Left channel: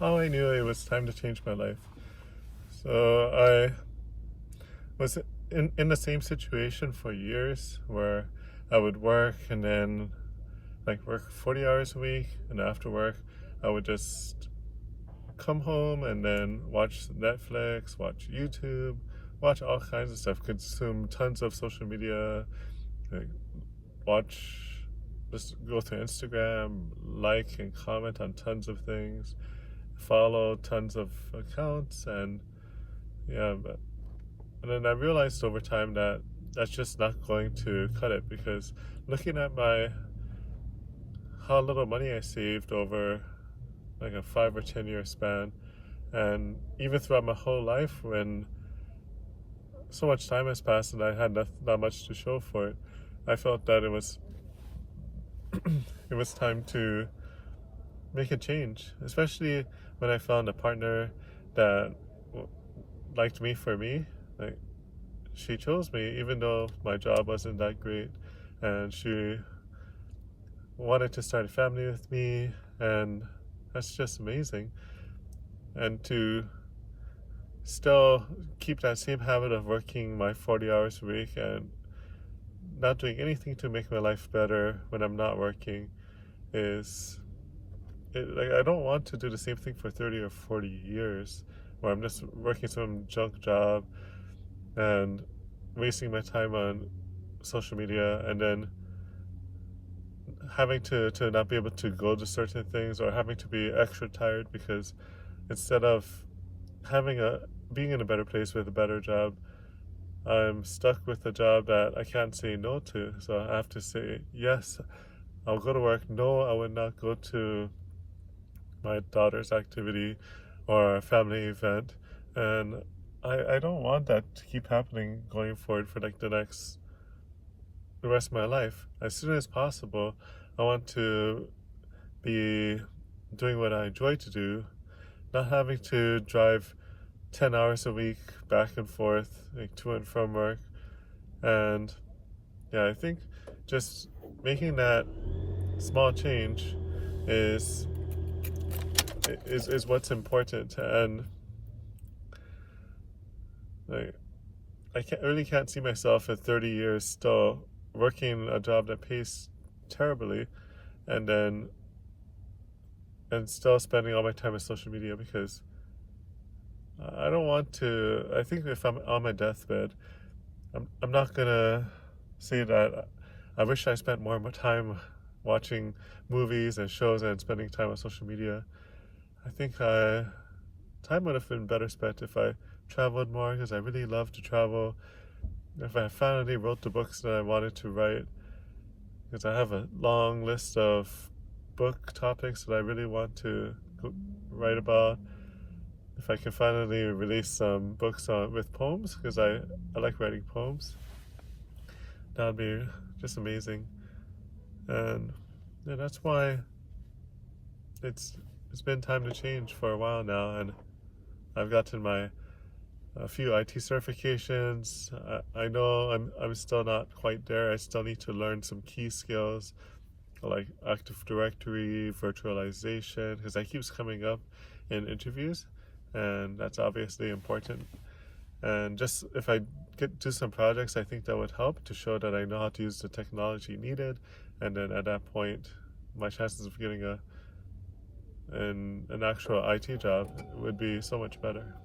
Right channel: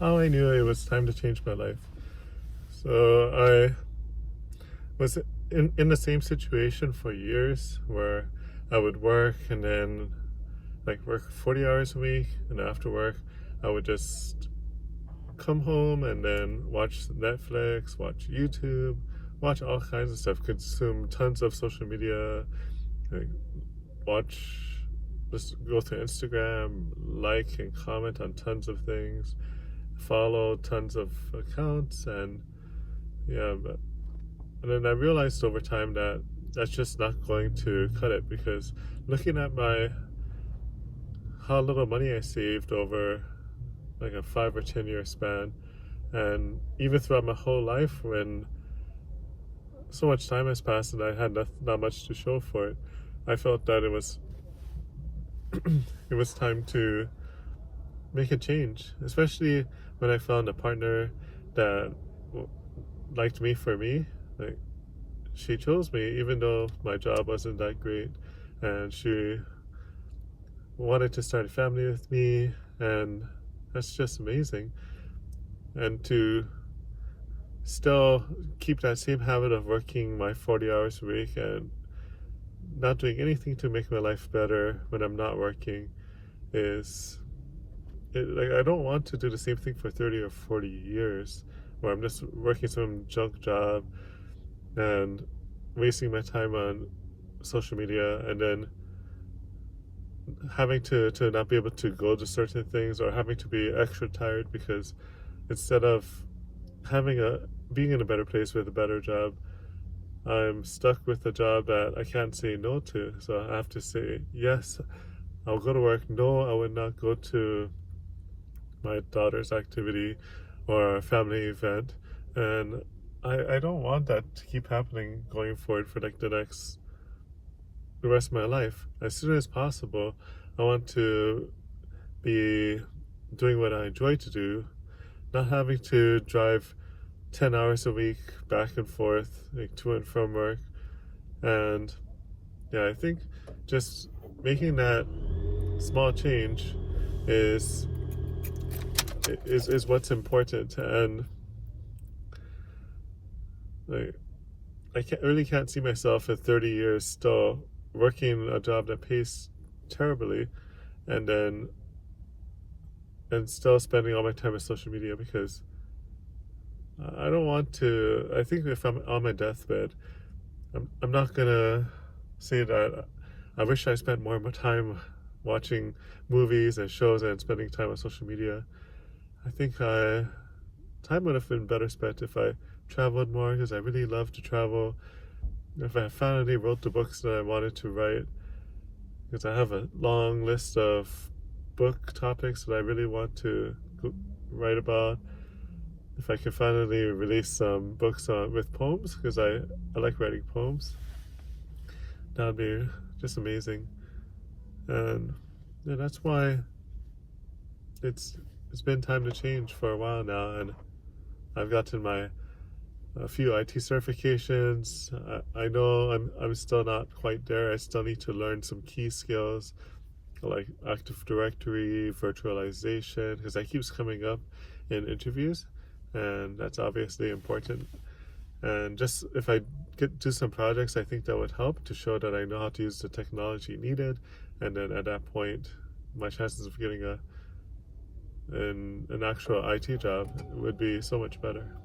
how I knew it was time to change my life. So I was in the same situation for years where I would work and then like work 40 hours a week, and after work I would just come home and then watch Netflix, watch YouTube, watch all kinds of stuff, consume tons of social media, like watch, just go through Instagram, like and comment on tons of things, follow tons of accounts, and yeah, but and then I realized over time that that's just not going to cut it, because looking at my how little money I saved over like a 5 or 10 year span, and even throughout my whole life, when so much time has passed and I had not much to show for it, I felt that it was time to make a change, especially when I found a partner that liked me for me. Like, she chose me even though my job wasn't that great, and she wanted to start a family with me, and that's just amazing. And to still keep that same habit of working my 40 hours a week and not doing anything to make my life better when I'm not working is like, I don't want to do the same thing for 30 or 40 years where I'm just working some junk job and wasting my time on social media, and then having to not be able to go to certain things, or having to be extra tired because instead of having a being in a better place with a better job, I'm stuck with a job that I can't say no to. So I have to say yes, I'll go to work. No, I would not go to my daughter's activity or a family event. And I don't want that to keep happening going forward for like the rest of my life. As soon as possible, I want to be doing what I enjoy to do, not having to drive 10 hours a week back and forth, like to and from work. And yeah, I think just making that small change is is what's important. And like, really can't see myself at 30 years still working a job that pays terribly, and then and still spending all my time on social media, because I don't want to. I think if I'm on my deathbed, I'm not gonna say that I wish I spent more time watching movies and shows and spending time on social media. I think time would have been better spent if I traveled more, because I really love to travel. If I finally wrote the books that I wanted to write, because I have a long list of book topics that I really want to write about. If I can finally release some books with poems, because I like writing poems, that would be just amazing. And yeah, that's why it's it's been time to change for a while now, and I've gotten my a few IT certifications. I know I'm still not quite there. I still need to learn some key skills like Active Directory, virtualization, because that keeps coming up in interviews, and that's obviously important. And just if I do some projects, I think that would help to show that I know how to use the technology needed, and then at that point, my chances of getting an actual IT job would be so much better.